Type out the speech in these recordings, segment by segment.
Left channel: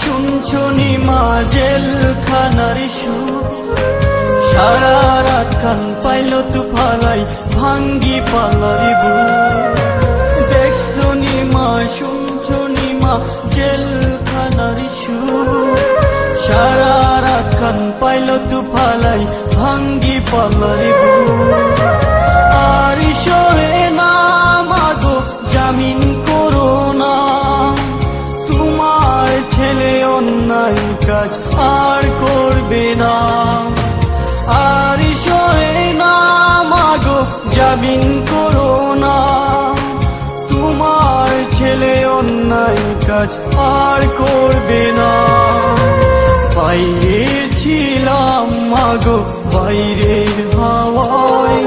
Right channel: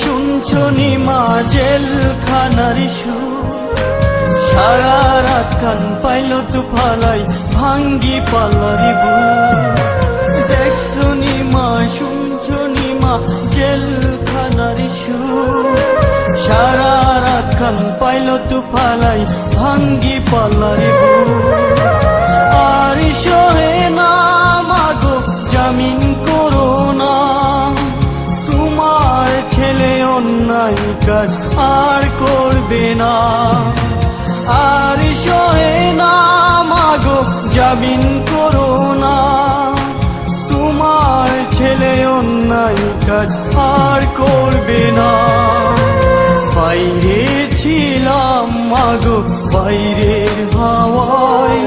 শুনছো নিমা জেলখানার সুর, সারা রাত কান পাইল তু ফালাই ভাঙ্গি পালারি বুক। দেখছো নিমা শুনছো নিমা জেলখানার সুর, সারা রাত কান পাইল তু ফালাই ভাঙ্গি পালারি বুক। আর সরে না মাগো জামিন করো না, তোমার ছেলে অন্যায় কাজ আর করবে না। আর সরে না মাগো জামিন করো না, তোমার ছেলে অন্যায় কাজ আর করবে না। বাইরে ছিলাম মাগো বাইরের হাওয়ায়,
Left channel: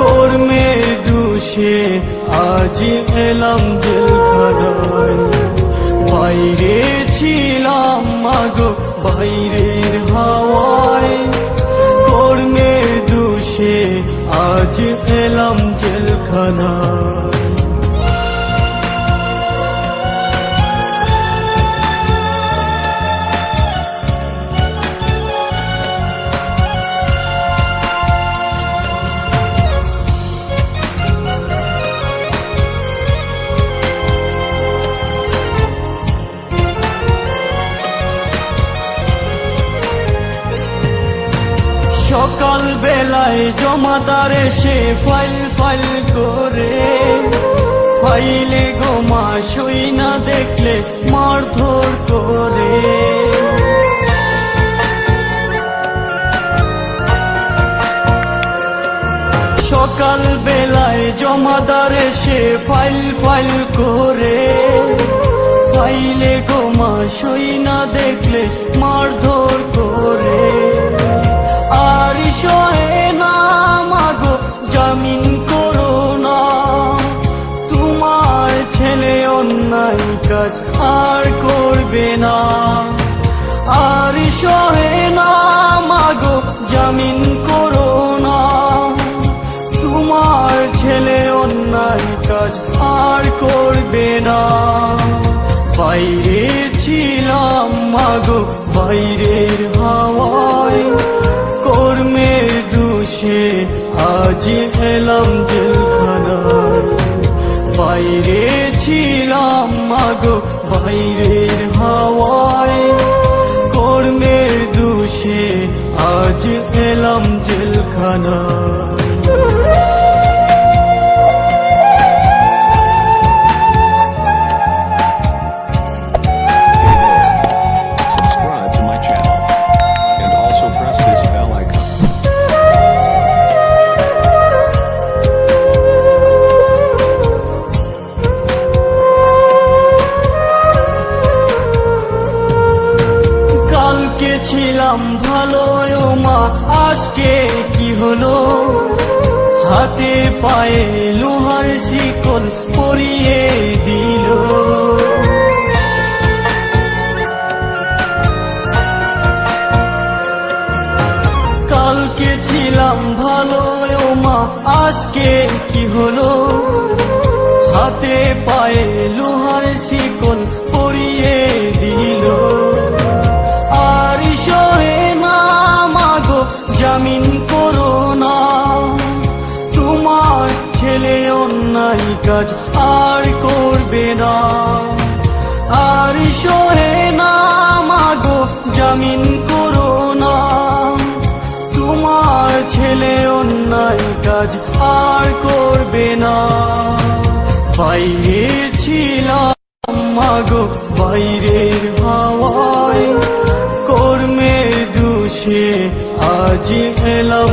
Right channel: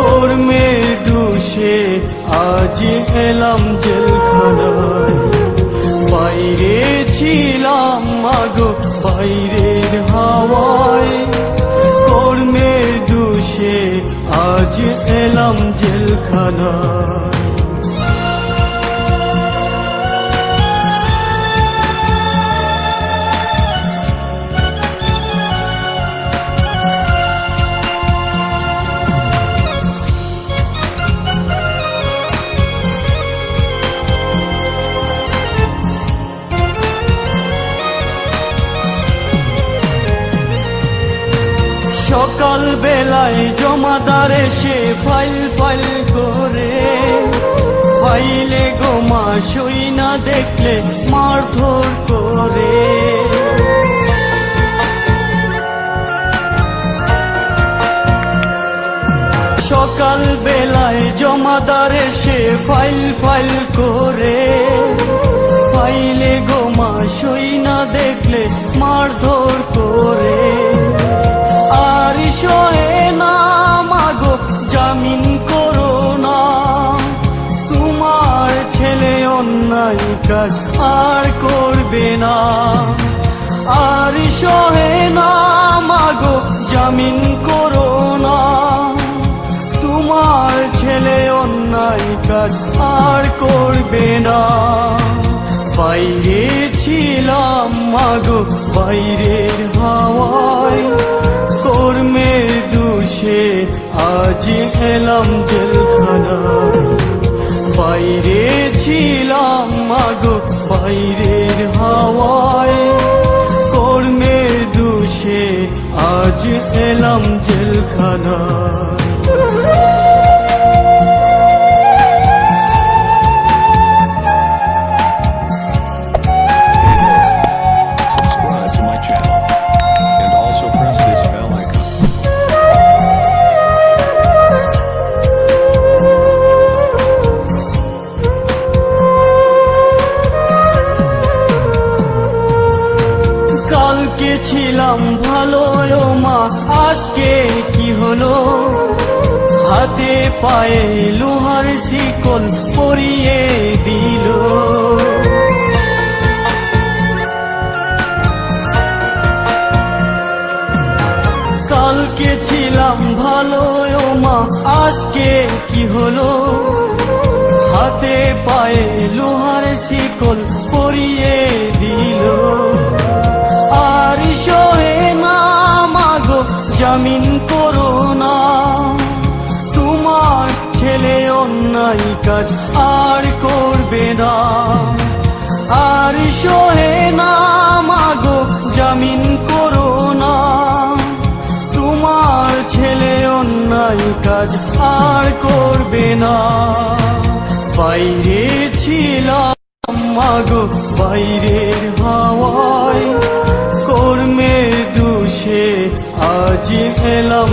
কর্মের দোষে আজ পেলাম জেলখানায়। বাইরে ছিলাম মাগো বাইরের হাওয়ায়, কর্মের দোষে আজ পেলাম জেলখানায়। সকাল বেলায় জমাদার এসে ফাইল ফাইল করে, ফাইলে গোমা সই না দেখলে মারধর করে। সকাল বেলায় জমাদার এসে ফাইল ফাইল করে, ফাইলে গোমা সই না দেখলে মারধর করে। আর সরে না মাগো জামিন করো না, তোমার ছেলে অন্যায় কাজ আর করবে না। আর সরে না মাগো জামিন করো না, তোমার ছেলে অন্যায় কাজ আর করবে না। বাইরে ছিলাম মাগো বাইরের হাওয়ায়, কর্মের দোষে আজ পেলাম জেলখানায়। বাইরে ছিলাম মাগো বাইরের হাওয়ায়, কর্মের দোষে আজ পেলাম জেলখানায়। Subscribe to my channel and also press this bell icon. কালকে ছিলাম ভালো মা, আজকে কি হলো? হাতে পায়ে লোহার শিকল পরিয়ে দিল। কালকে ছিলাম ভালো মা, আজকে কি হলো? হাতে পায়ে লোহার শিকল পরিয়ে দিল। আর সরে না মাগো জামিন করো না, তোমার ছেলে অন্যায় কাজ আর করবে না। আর সরে না মাগো জামিন করো না, তোমার ছেলে অন্যায় কাজ আর করবে না। বাইরে ছিলাম মাগো বাইরের হাওয়ায়, কর্মের দোষে আজ পেলাম